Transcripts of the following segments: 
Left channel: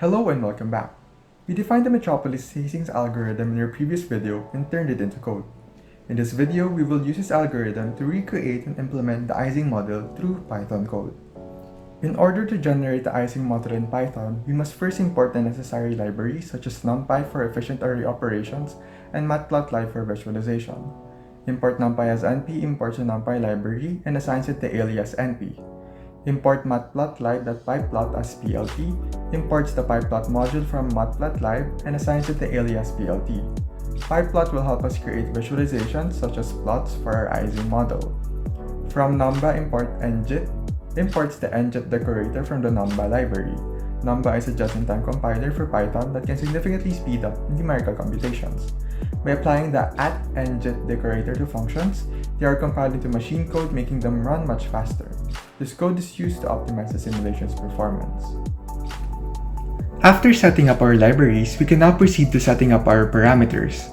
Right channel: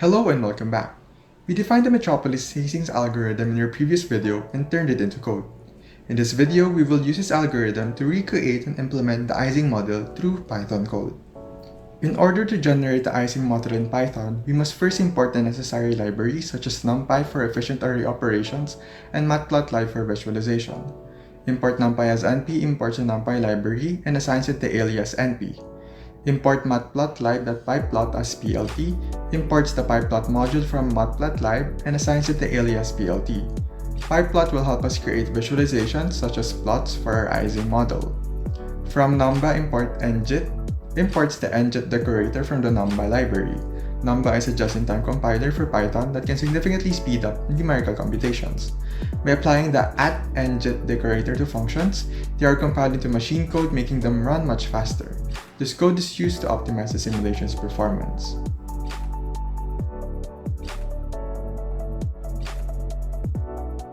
Hello and welcome back. We defined the Metropolis Hastings algorithm in our previous video and turned it into code. In this video, we will use this algorithm to recreate and implement the Ising model through Python code. In order to generate the Ising model in Python, we must first import the necessary libraries such as NumPy for efficient array operations and Matplotlib for visualization. Import NumPy as NP imports a NumPy library and assigns it the alias NP. Import matplotlib.pyplot as plt, imports the pyplot module from matplotlib and assigns it the alias plt. Pyplot will help us create visualizations such as plots for our Ising model. From numba import ngit, imports the ngit decorator from the numba library. Numba is a just-in-time compiler for Python that can significantly speed up numerical computations. By applying the @ngit decorator to functions, they are compiled into machine code, making them run much faster. This code is used to optimize the simulation's performance. After setting up our libraries, we can now proceed to setting up our parameters.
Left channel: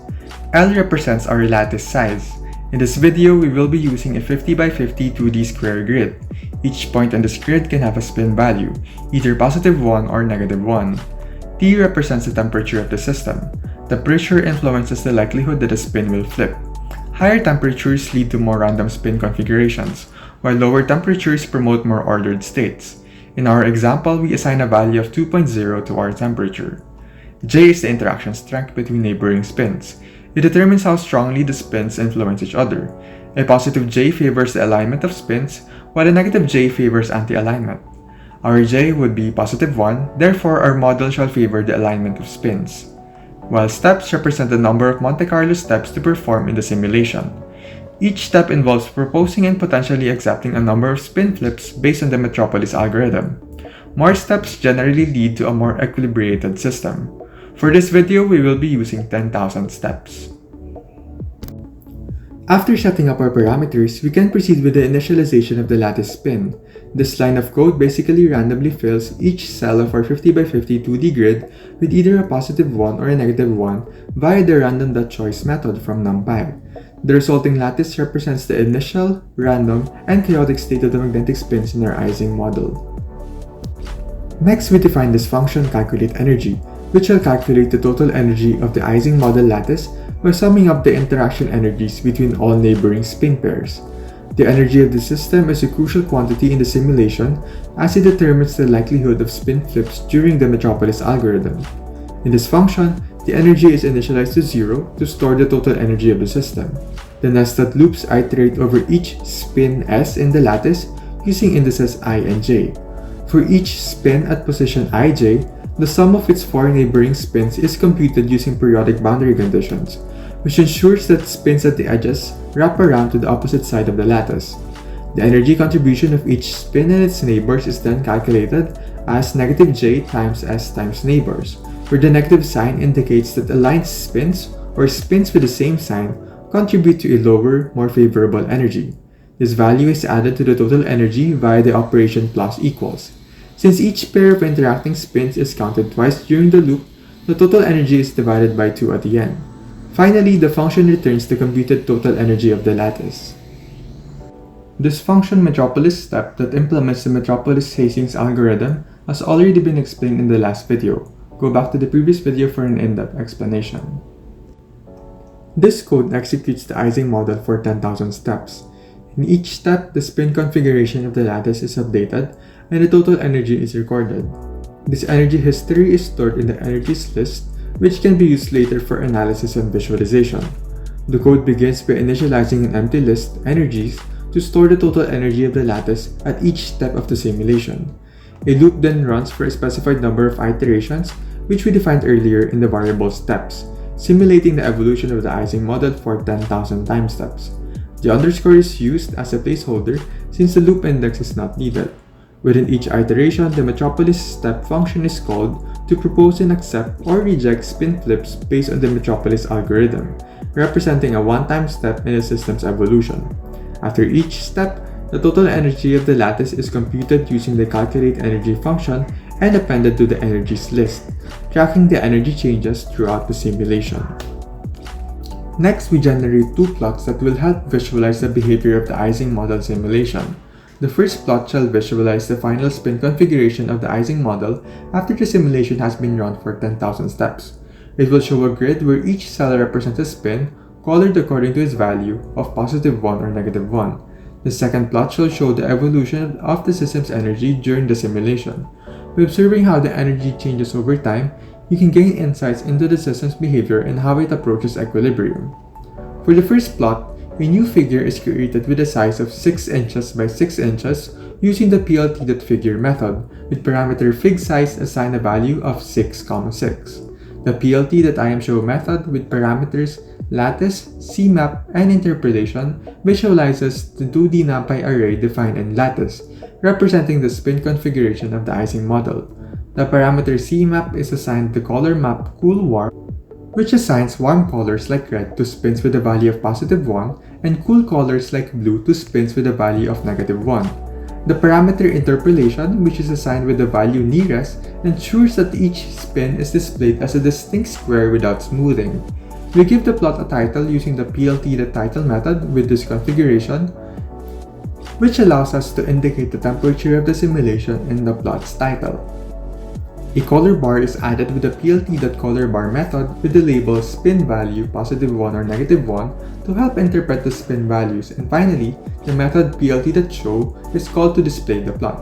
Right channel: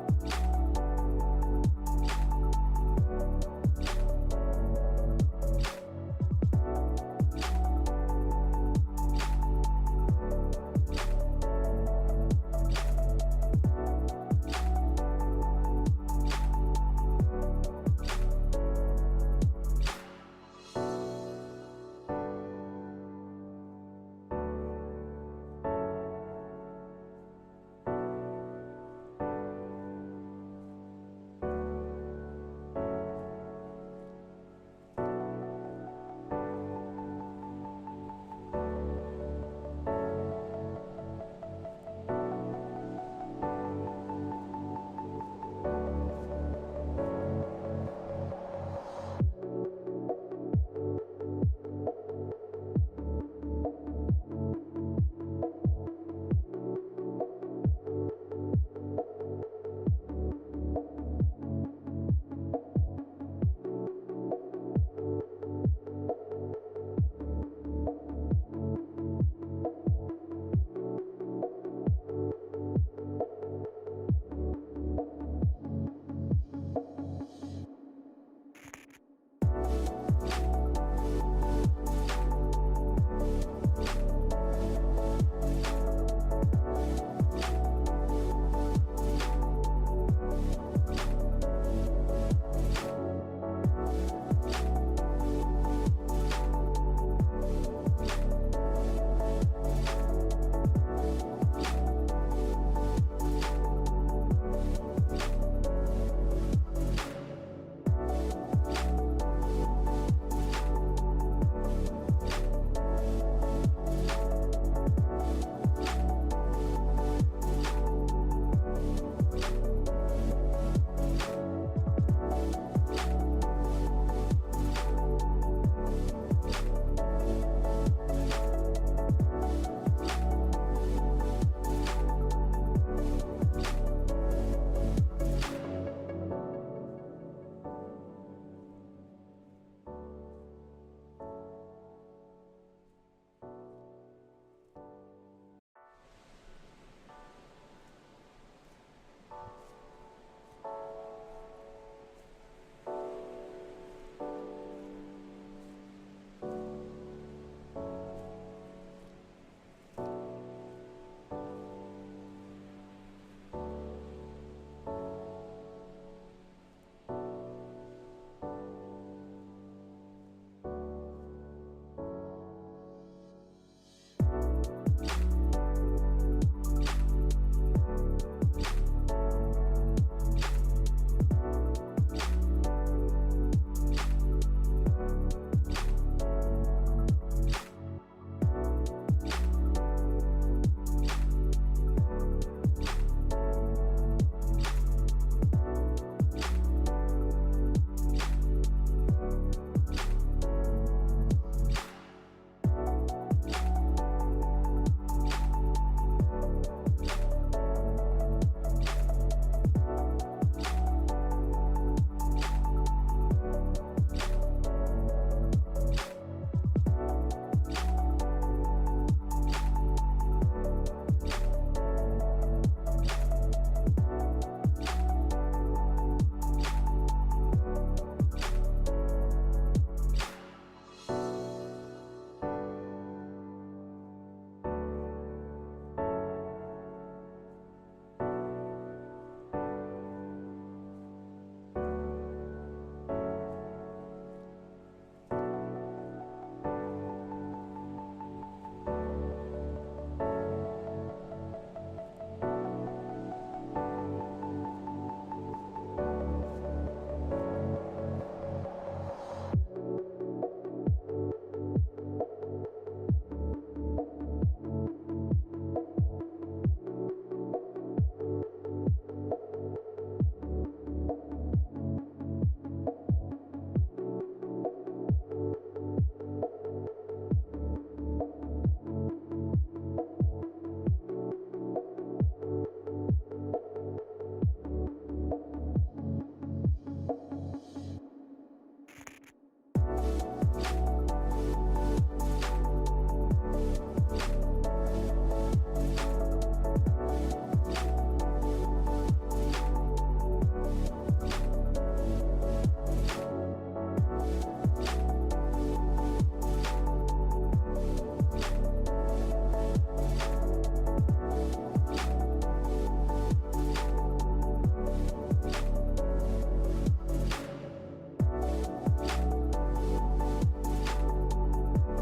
L represents our lattice size. In this video, we will be using a 50 by 50 2D square grid. Each point on this grid can have a spin value, either +1 or -1. T represents the temperature of the system. Temperature influences the likelihood that a spin will flip. Higher temperatures lead to more random spin configurations, while lower temperatures promote more ordered states. In our example, we assign a value of 2.0 to our temperature. J is the interaction strength between neighboring spins. It determines how strongly the spins influence each other. A positive J favors the alignment of spins, while a negative J favors anti-alignment. Our J would be +1, therefore our model shall favor the alignment of spins. While steps represent the number of Monte Carlo steps to perform in the simulation. Each step involves proposing and potentially accepting a number of spin flips based on the Metropolis algorithm. More steps generally lead to a more equilibrated system. For this video, we will be using 10,000 steps. After setting up our parameters, we can proceed with the initialization of the lattice spin. This line of code basically randomly fills each cell of our 50 by 50 2D grid with either a +1 or a -1 via the random.choice method from NumPy. The resulting lattice represents the initial, random, and chaotic state of the magnetic spins in our Ising model. Next, we define this function calculate energy, which will calculate the total energy of the Ising model lattice by summing up the interaction energies between all neighboring spin pairs. The energy of the system is a crucial quantity in the simulation as it determines the likelihood of spin flips during the Metropolis algorithm. In this function, the energy is initialized to 0 to store the total energy of the system. The nested loops iterate over each spin S in the lattice using indices I and j. For each spin at position ij, the sum of its 4 neighboring spins is computed using periodic boundary conditions, which ensures that spins at the edges wrap around to the opposite side of the lattice. The energy contribution of each spin and its neighbors is then calculated as -j times s times neighbors, where the negative sign indicates that aligned spins, or spins with the same sign, contribute to a lower, more favorable energy. This value is added to the total energy via the operation plus equals. Since each pair of interacting spins is counted twice during the loop, the total energy is divided by 2 at the end. Finally, the function returns the computed total energy of the lattice. This function Metropolis step that implements the Metropolis Hastings algorithm has already been explained in the last video. Go back to the previous video for an in-depth explanation. This code executes the Ising model for 10,000 steps. In each step, the spin configuration of the lattice is updated and the total energy is recorded. This energy history is stored in the energies list, which can be used later for analysis and visualization. The code begins by initializing an empty list, energies, to store the total energy of the lattice at each step of the simulation. A loop then runs for a specified number of iterations, which we defined earlier in the variable steps, simulating the evolution of the Ising model for 10,000 time steps. The underscore is used as a placeholder since the loop index is not needed. Within each iteration, the Metropolis step function is called to propose and accept or reject spin flips based on the Metropolis algorithm, representing a one-time step in the system's evolution. After each step, the total energy of the lattice is computed using the calculate energy function and appended to the energies list, tracking the energy changes throughout the simulation. Next, we generate two plots that will help visualize the behavior of the Ising model simulation. The first plot shall visualize the final spin configuration of the Ising model after the simulation has been run for 10,000 steps. It will show a grid where each cell represents a spin, colored according to its value of +1 or -1. The second plot shall show the evolution of the system's energy during the simulation. By observing how the energy changes over time, you can gain insights into the system's behavior and how it approaches equilibrium. For the first plot, a new figure is created with a size of 6 inches by 6 inches using the plt.figure method, with parameter figSize assigned a value of 6,6. The plt.imShow method with parameters lattice, CMap, and interpolation visualizes the 2D NumPy array defined in lattice, representing the spin configuration of the Ising model. The parameter CMap is assigned the color map CoolWarm, which assigns warm colors like red to spins with a value of +1 and cool colors like blue to spins with a value of -1. The parameter interpolation, which is assigned with the value nearest, ensures that each spin is displayed as a distinct square without smoothing. We give the plot a title using the plt.title method with this configuration, which allows us to indicate the temperature of the simulation in the plot's title. A color bar is added with the plt.colorBar method with the label spin value +1 or -1 to help interpret the spin values, and finally, the method plt.show is called to display the plot.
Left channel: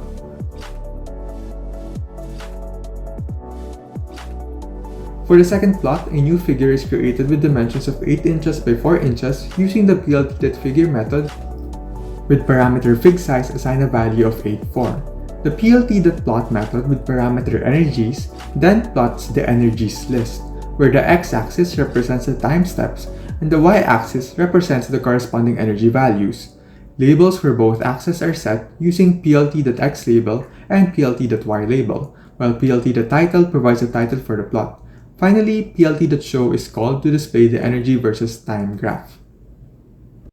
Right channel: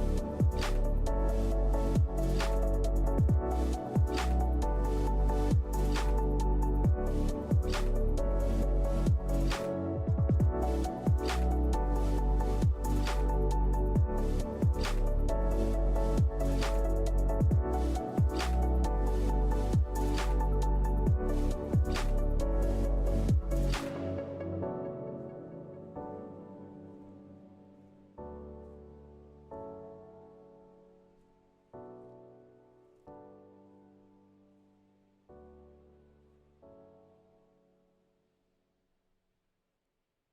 For the second plot, a new figure is created with dimensions of 8 inches by 4 inches using the plt.figure method with parameter figSize assigned a value of 8,4. The plt.plot method with parameter energies then plots the energies list, where the x-axis represents the time steps and the y-axis represents the corresponding energy values. Labels for both axes are set using plt.xLabel and plt.ylabel, while plt.title provides a title for the plot. Finally, plt.show is called to display the energy versus time graph.